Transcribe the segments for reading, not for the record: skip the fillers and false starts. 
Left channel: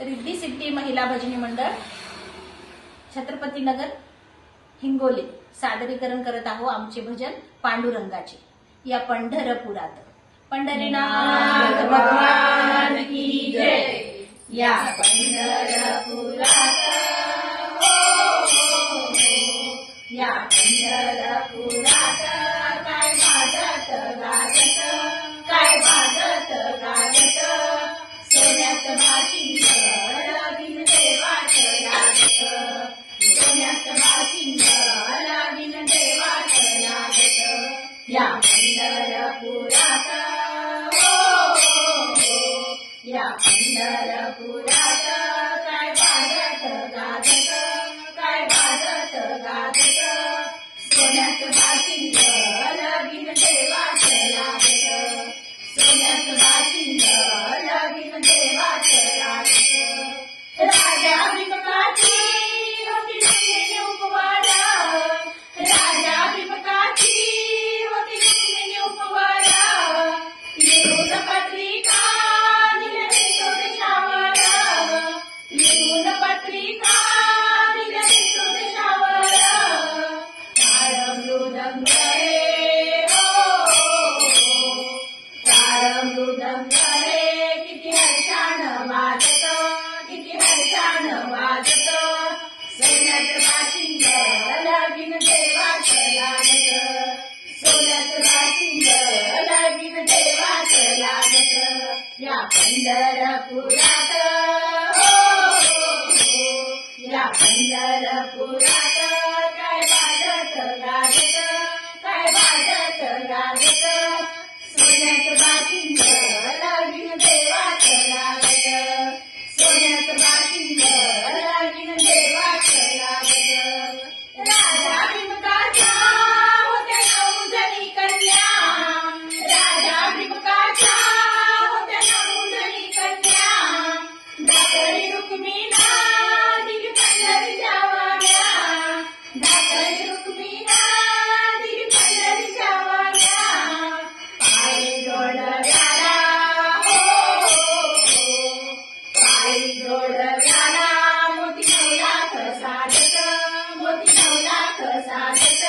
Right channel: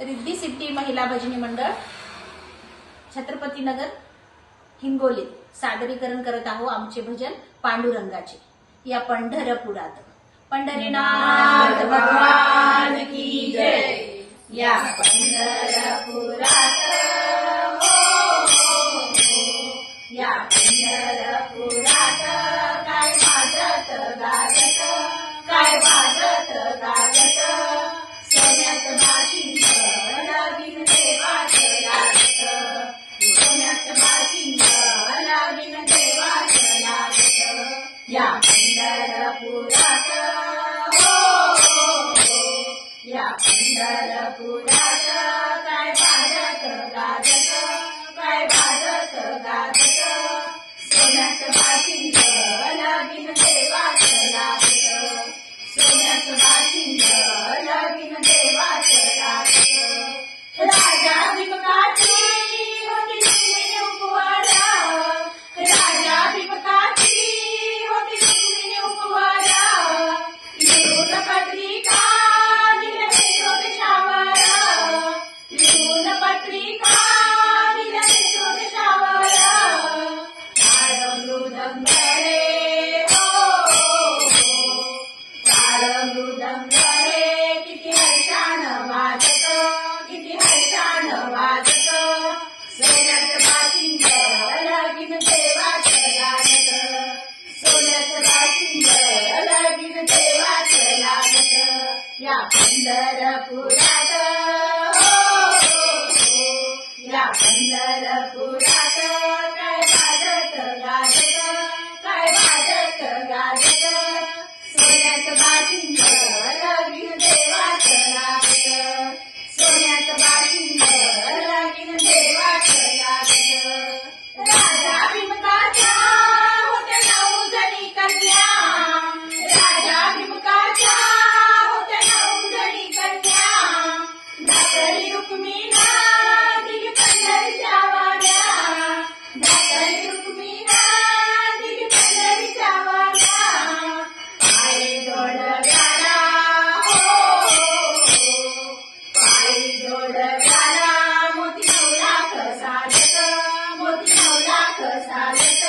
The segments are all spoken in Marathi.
रिद्धी सिद्धी महिला भजनी मंडळ छत्रपती नगर हिंगोली सादरीकरण करत आहोत आमचे भजन पांडुरंगाचे। या पंढरपुरात पंढरीनाथ भगवान की जय। या पंढरपुरात या पंढरपुरात काय वाजत गाजत काय वाजत गाजत सोन्यात बाशिंग लावीन देवाचं लागत सोन्यात बाशिंग लावीन देवाचं लागत या पंढरपुरात या पंढरपुरात काय वाजत गाजत काय वाजत गाजत सोन्यात बाशिंग लावीन देवाचं लागत सोन्यात बाशिंग लावीन देवाचं लागत। राजा भिमकाची होती रुक्मिणी उपवारा राजा भिमकाची होती रुक्मिणी उपवारा लिहून पत्रिका दिल्या देशोदेशावर लिहून पत्रिका दिल्या देशोदेशावर टाळ मृदंग रे टाळ मृदंग रे किती हर्षानं वाजत किती हर्षानं वाजत सोन्यात बाशिंग लावीन देवाचं लागत सोन्यात बाशिंग लावीन देवाचं लागत या पंढरपुरात या पंढरपुरात काय वाजत गाजत काय वाजत गाजत सोन्यात बाशिंग लावीन देवाचं लागत सोन्यात बाशिंग लावीन देवाचं लागत। राजा भिमकाच्या होत्या 9 जणी कन्या राजा भिमकाच्या होत्या 9 जणी कन्या धाकली रुक्मिणा दिली पंढरीच्या वाड्या धाकली रुक्मिणा दिली पंढरीच्या वाड्या पायी जोडव्याला पायी जोडव्याला मोती 9 लाख साजत मोती 9 लाख साजत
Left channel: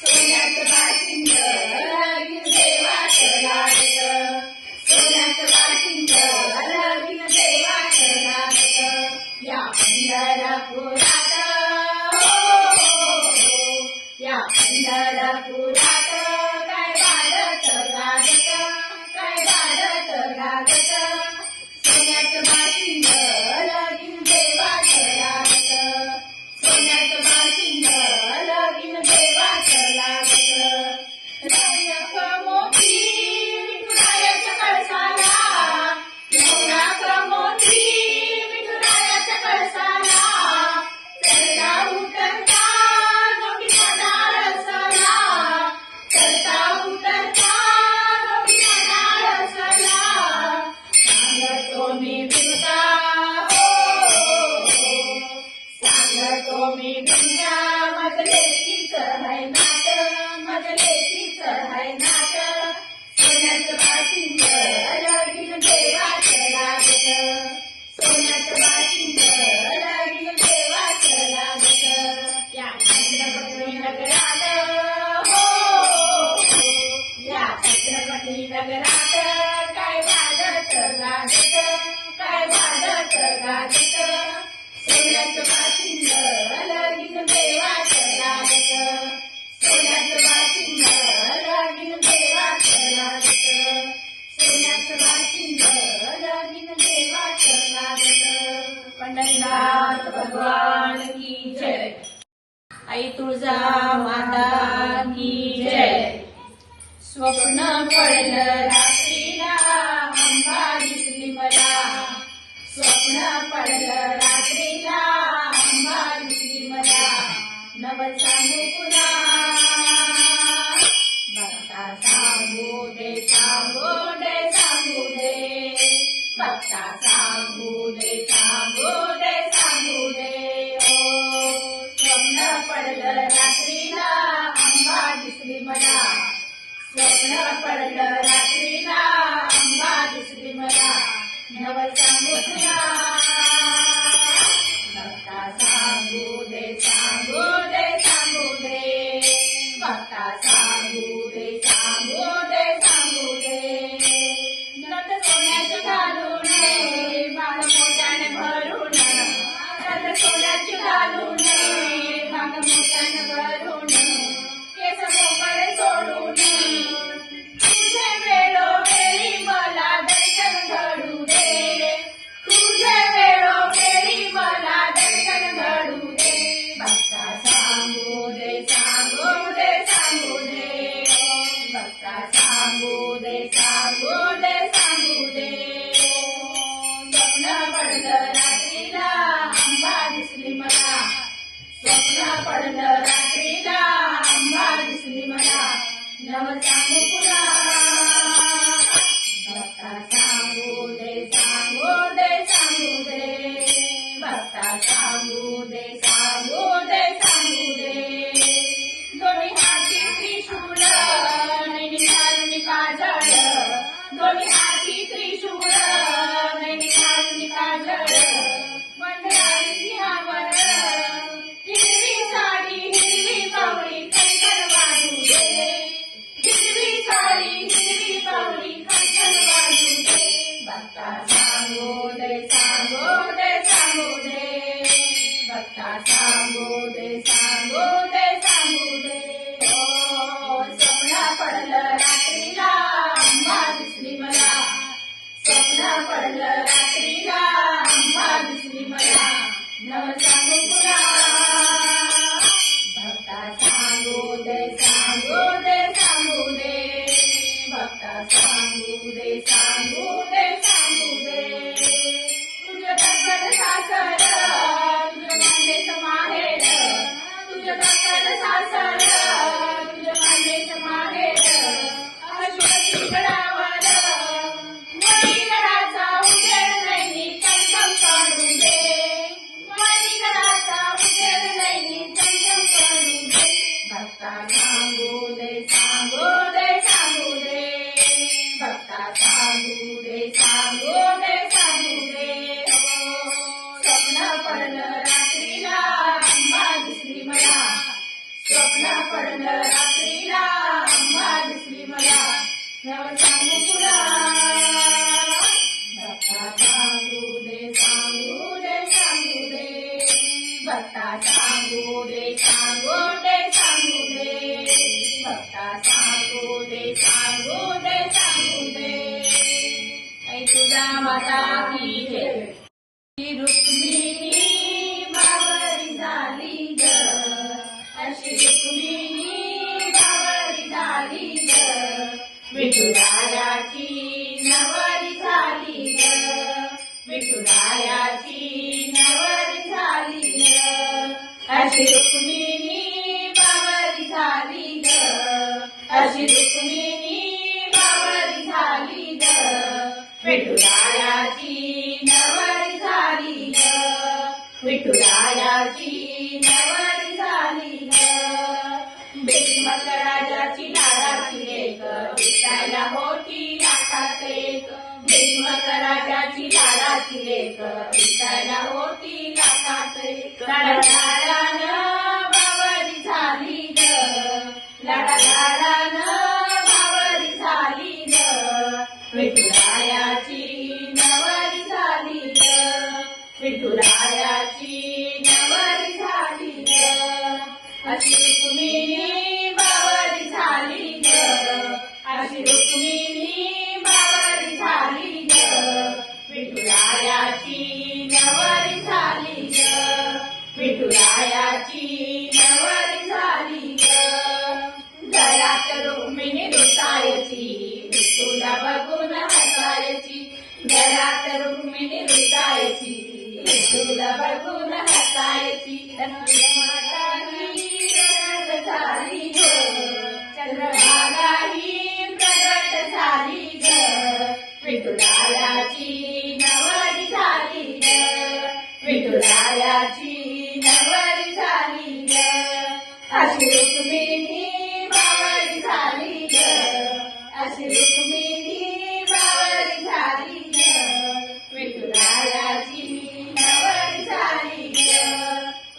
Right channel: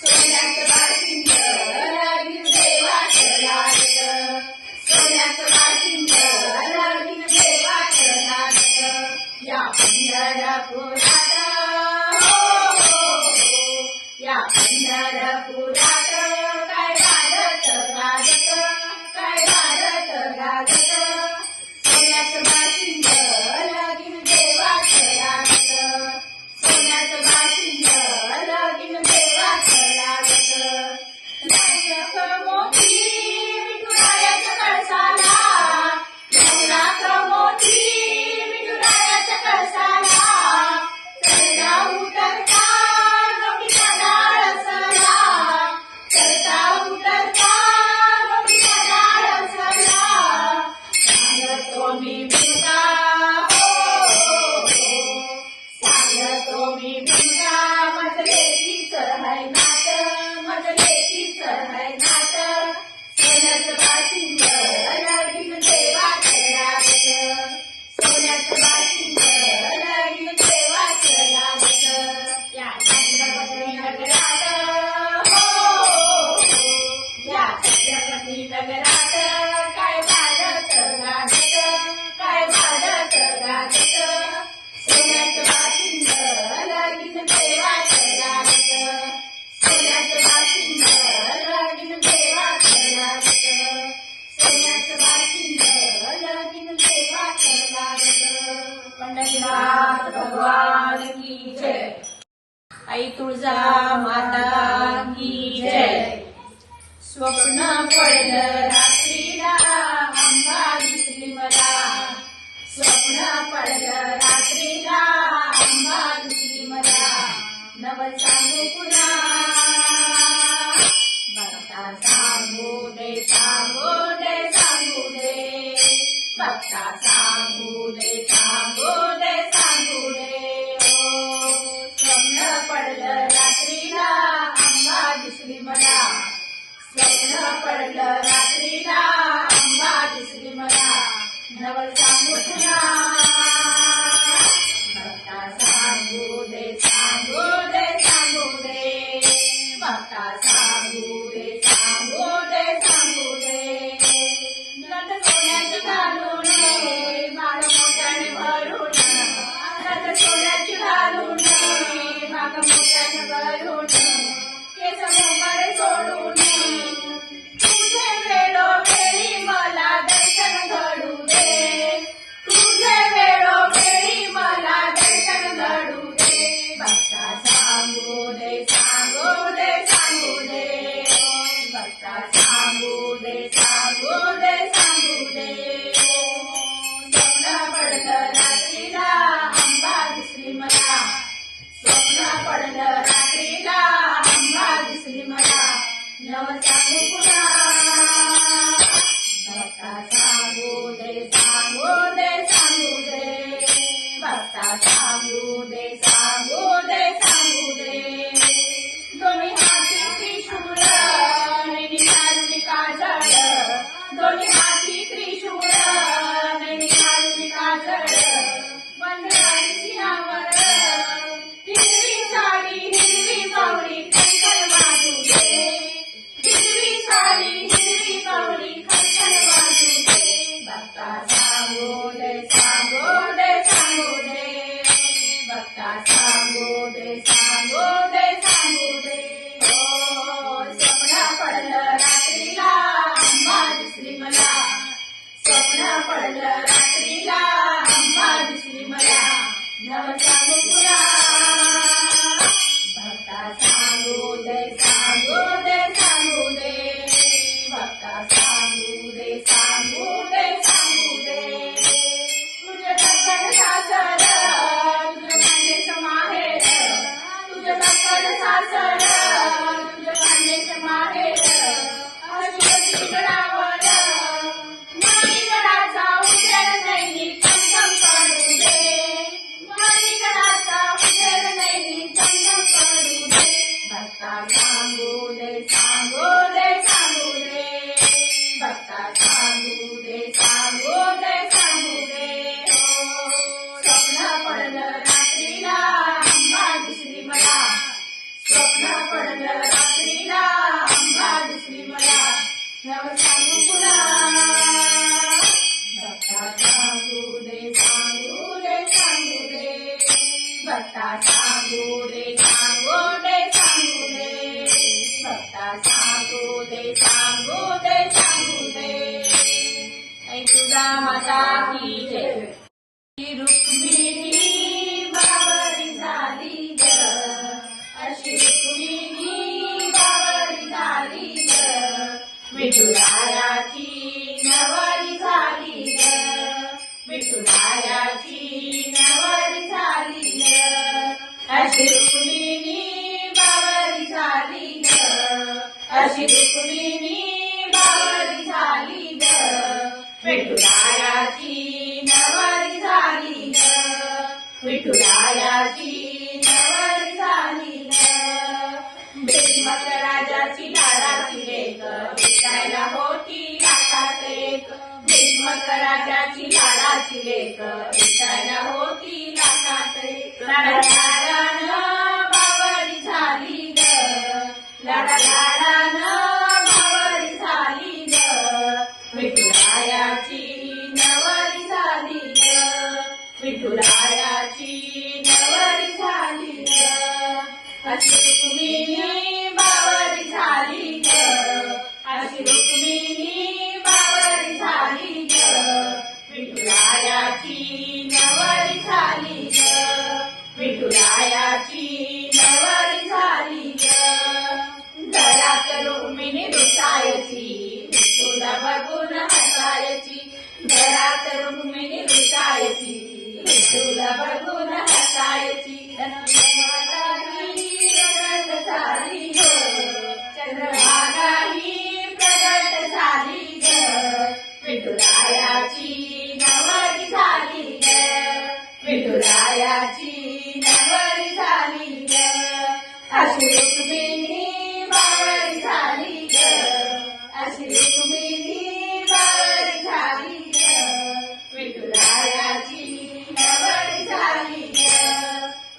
सोन्यात बाशिंग लावीन देवाचं लागत सोन्यात बाशिंग लावीन देवाचं लागत या पंढरपुरात या पंढरपुरात काय वाजत गाजत काय वाजत गाजत सोन्यात बाशिंग लावीन देवाचं लागत सोन्यात बाशिंग लावीन देवाचं लागत। नायक मोती विठुरायाच्या कळसाला 9 लाख मोती विठुरायाच्या कळसाला चढता उतरता गवळीचा डाळ सला चढता उतरता गवळीचा डाळ सला सांगतो मी भिमका सांगतो मी भिमका मजलेचीच है नाट मजलेचीच है नाट सोन्यात बाशिंग लावीन देवाचं लागत सोन्यात बाशिंग लावीन देवाचं लागत या छत्रपती नगरात या छत्रपती नगरात काय वाजत गाजत काय वाजत गाजत सोन्यात बाशिंग लावीन देवाचं लागत सोन्यात बाशिंग लावीन देवाचं लागत सोन्यात बाशिंग लावीन देवाचं लागत। पंढरीनाथ भगवान की जय। आई तुळजा माता की जय। स्वप्न पडलं रात्रीला अंबा दिसली मला स्वप्न पडलं रात्रीला अंबा दिसली मला नवल सांगू पुन्हा भक्ता सांगू दे सांगू दे सांगू दे भक्ता सांगू दे सांगू दे सांगू दे ओ स्वप्न पडलं रात्रीला अंबा दिसली मला स्वप्न पडलं रात्रीला अंबा दिसली मला नवल सांगू तुला सोन्याची घालून भाग मोठ्यानं भरून केस मोकळे सोडून तुझे वेळोवेळी मला दर्शन घडू दे तुझे वेळोवेळी मला दर्शन घडू दे भक्ता सांगू दे सांगू दे सांगू दे भक्ता सांगू दे सांगू दे सांगू दे स्वप्न पडलं रात्रीला अंबा दिसली मला स्वप्न पडलं रात्रीला अंबा दिसली मला नव सांगू पुन्हा भक्ता सांगू दे सांगू दे सांगू दे भक्ता सांगू दे सांगू दे सांगू दे दोन्ही हाती त्रिशूळ नैनी घालून काजळ दोन्ही हाती त्रिशूळ नैनी घालून काजळ मंडळी सिंहावर हिरवी साडी हिरवी पावडी खणखण वाजू दे हिरवी साडी हिरवी पावडी खणखण वाजू दे भक्ता सांगू दे सांगू दे सांगू दे भक्ता सांगू दे सांगू दे सांगू दे ओ स्वप्न पडलं रात्रीला अंबा दिसली मला स्वप्न पडलं रात्रीला अंबा दिसली मला नव सांगू पुन्हा भक्ता सांगू दे सांगू दे सांगू दे भक्ता सांगू दे सांगू दे सांगू दे तुझं दक्कन सासर तुझं खांदेच माहेर तुझं दक्कन सासर तुझं खांदेच माहेर अशी गडावर मणिगडाचा उजेड नैनी चमचम काढू दे मणिगडाचा उजेड नैनी चमचम काढू दे भक्ता सांगू दे सांगू दे सांगू दे भक्ता सांगू दे सांगू दे सांगू दे स्वप्न पडलं रात्रीला अंबा दिसली मला स्वप्न पडलं रात्रीला अंबा दिसली मला नव सांगू पुन्हा भक्ता सांगू दे सांगू दे सांगू दे भक्ता सांगू दे सांगू दे सांगू दे भक्ता सांगू दे सांगू दे सांगू दे ऐ तुझा माता की जय रुक्मिणी बावरी झाली ग अशी रुक्मिणी बावरी झाली ग विठुरायाची नवरी झाली ग विठुरायाची नवरी झाली ग अशी रुक्मिणी बावरी झाली ग अशी रुक्मिणी बावरी झाली ग विठुरायाची नवरी झाली ग विठुरायाची नवरी झाली ग भीष्मक राजाची लाडाची लेक विठाला होती लाखात एक भीष्मक राजाची लाडाची लेक विठाला होती लाखात एक लाडालाडानं बावरी झाली ग लाडालाडानं बावरी झाली ग विठुरायाची नवरी झाली ग विठुरायाची नवरी झाली ग अशी रुक्मिणी बावरी झाली ग अशी रुक्मिणी बावरी झाली ग विठुरायाची नवरी झाली ग विठुरायाची नवरी झाली ग घरात रुक्मिणी रुसायची विठुला बघून हसायची घरात रुक्मिणी रुसायची विठुला बघून हसायची माता ही प्रगट झाली ग चंद्रभागा ही प्रगट झाली ग विठुरायाची नवरी झाली ग विठुरायाची नवरी झाली ग अशी रुक्मिणी बावरी झाली ग अशी रुक्मिणी बावरी झाली ग विठुरायाची नवरी झाली ग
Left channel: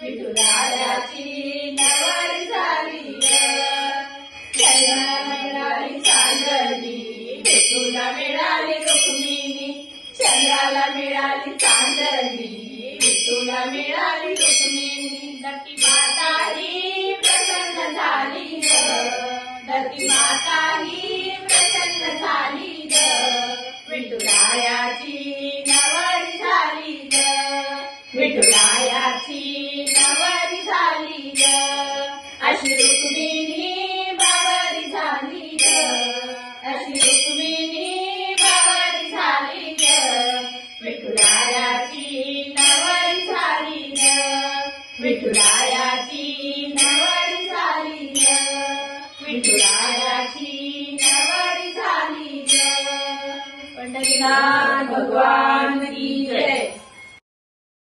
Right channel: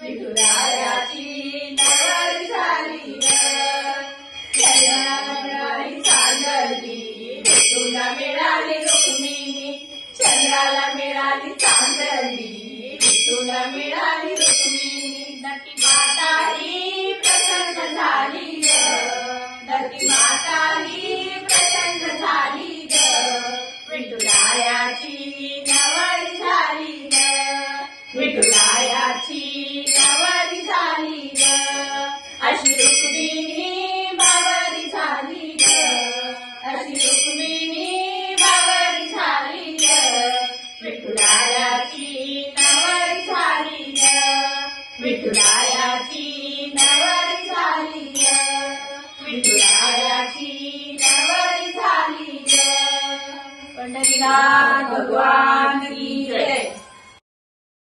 विठुरायाची नवरी झाली ग मिळाली चांदली विठुला मिळाली रुक्मिणी चंद्राला मिळाली चांदली विठुला पाहायला मिळाली रुक्मिणी. दत्ती माता ही प्रसन्न झाली ग, दत्ती माता ही प्रसन्न झाली ग. विठुरायाची नवरी झाली ग, विठुरायाची नवरी झाली ग. अशी रुक्मिणी बावरी झाली ग, अशी रुक्मिणी बावरी झाली ग. विठुरायाची नवरी झाली ग, विठुरायाची नवरी झाली ग, विठुरायाची नवरी झाली ग. पंढरीनाथ भगवान की जय.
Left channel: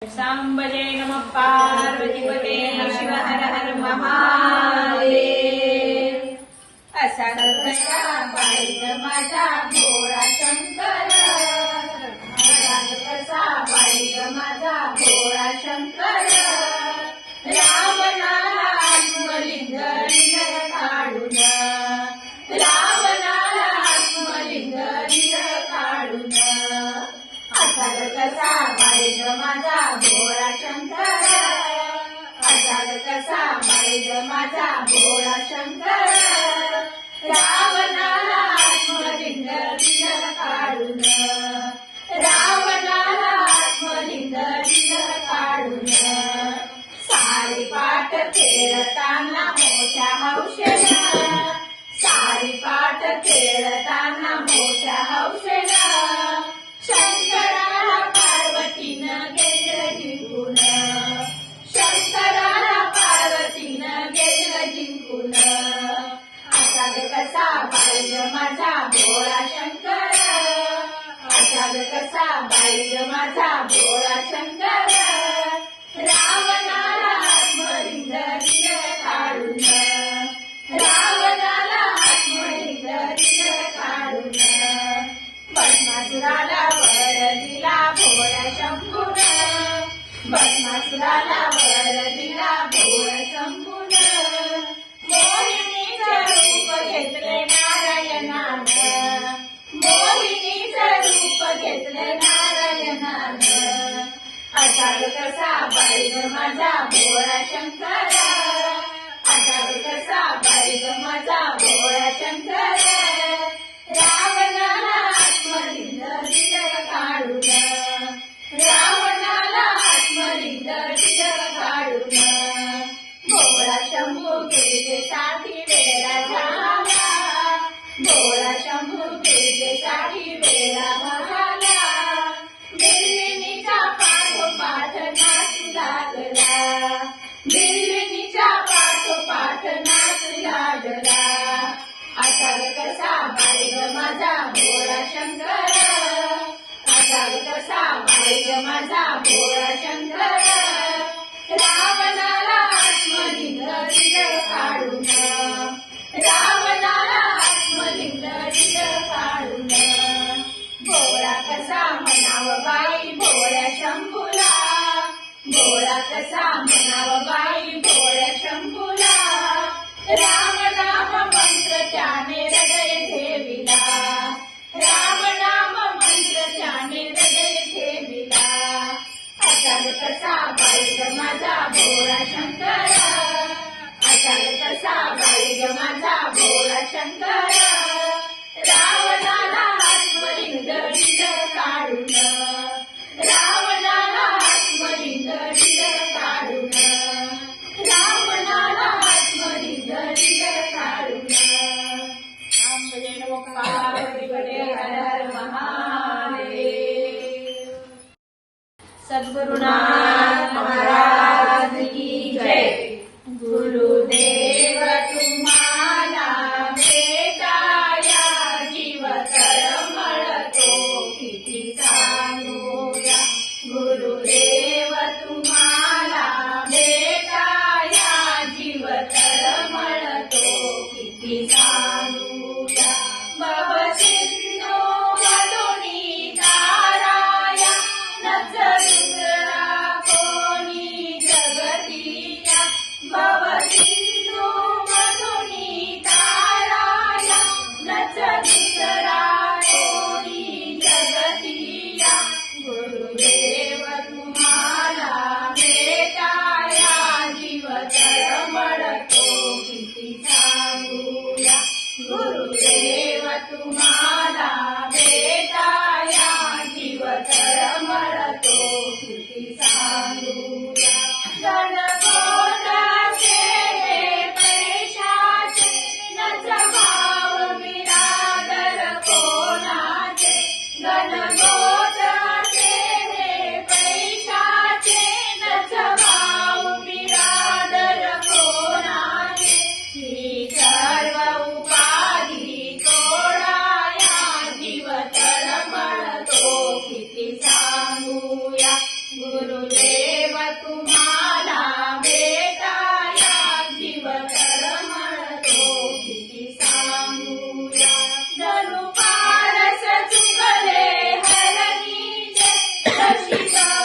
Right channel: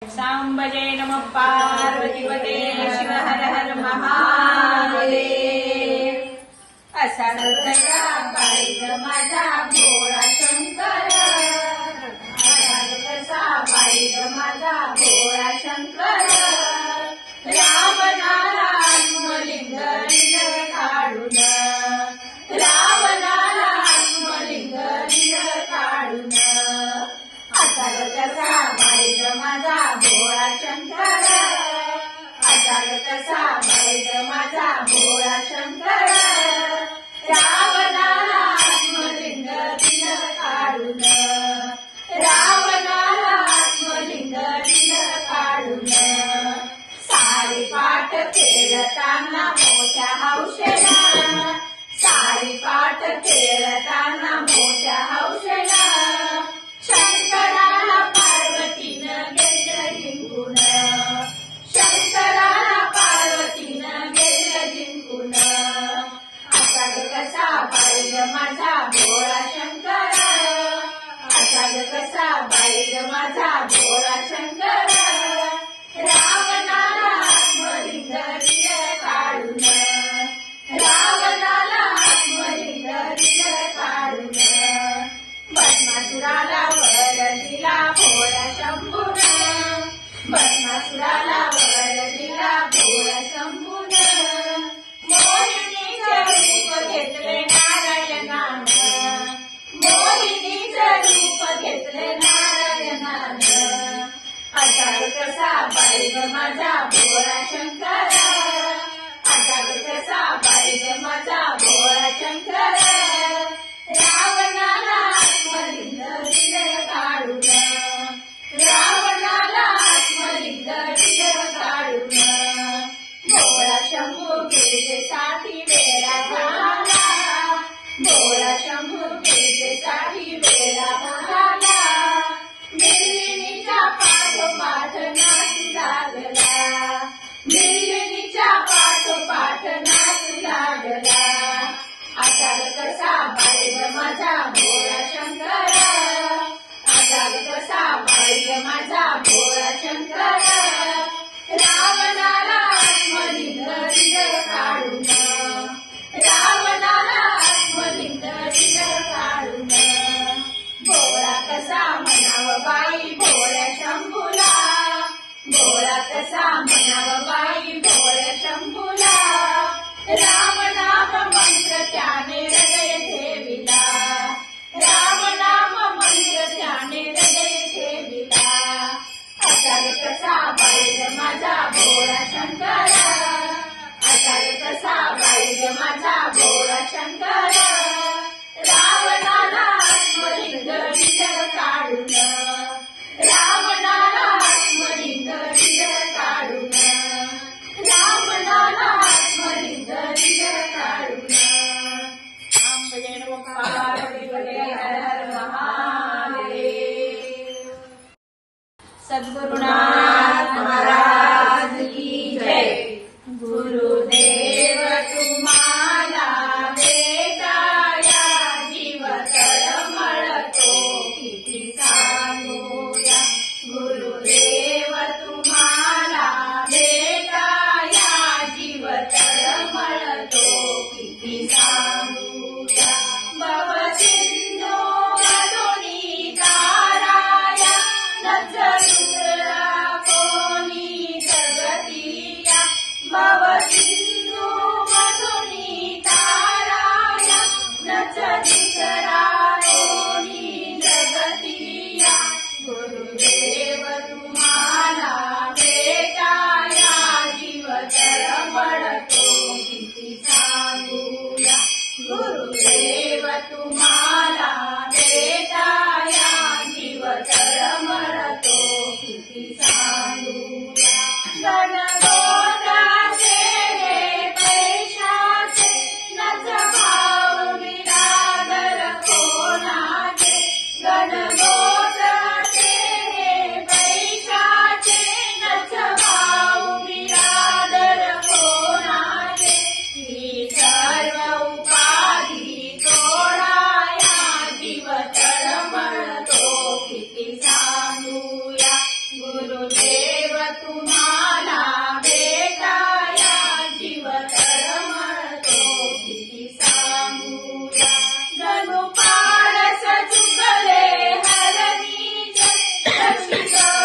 सांब जय नमः पार्वतीपते शिव हर हर महादेव. असा कसा पाहिज माझा भोळा शंकर, असा कसा पाहिज माझा भोळा शंकर. रावणाला आत्मलिंग काढून, रावणाला आत्मलिंग काढून. असा कसा पाहिज माझा भोळा शंकर, असा कसा पाहिज माझा भोळा शंकर. रावणाला आत्मलिंग काढून, रावणाला आत्मलिंग काढून. सारी पाठ खेळताना मोठ्या हौशेनं, सारी पाठ खेळताना मोठ्या हौशेनं. शंकराला पार्वतीनं घेतलं जिंकून, शंकराला पार्वतीनं घेतलं जिंकून. असा कसा पाहिज माझा भोळा शंकर, असा कसा पाहिज माझा भोळा शंकर. रावणाला आत्मलिंग काढून, रावणाला आत्मलिंग काढून. भस्मासुराला वर दिला भोळा शंभून, भस्मासुराला वर दिला भोळा शंभून. मोहिनीचं रूप घेतले नारायणानं, मोहिनीचं रूप घेतले नारायणानं. असा कसा पाहिज माझा भोळा शंकर, असा कसा पाहिज माझा भोळा शंकर. रावणाला आत्मलिंग काढून, रावणाला आत्मलिंग काढून. भोळा शंभू गिरजेसाठी वेळा झाला, भोळा शंभू गिरजेसाठी वेळा झाला. बिल्लिणीच्या पाठोपाठ नाचू लागला, बिल्लिणीच्या पाठोपाठ नाचू लागला. असा कसा पाहिज माझा भोळा शंकर, असा कसा पाहिज माझा भोळा शंकर. रावणाला आत्मलिंग काढून, रावणाला आत्मलिंग काढून. भोळा कसा म्हणाव बाई भोळ्या शंभूला, भोळा कसा म्हणाव बाई भोळ्या शंभूला. राम नाम मंत्र त्याने हृदय ठेविला, राम नाम मंत्र त्याने हृदय ठेविला. असा कसा पाहिज माझा भोळा शंकर, असा कसा पाहिज माझा भोळा शंकर. रावणाला आत्मलिंग काढून, रावणाला आत्मलिंग काढून. रावणाला आत्मलिंग काढून. राम जय नमः पार्वतीपते हर हर महादेव. सद्गुरुनाथ महाराज की जय. गुरुदेव तुम्हाला भेटाया जीव तळमळतो किती सांगूया. गुरुदेव तुम्हाला भेटाया जीव तळमळतो किती सांगूया. भवसिंधू मधुनी ताराया नजरुद्रा कोणी दिसली ग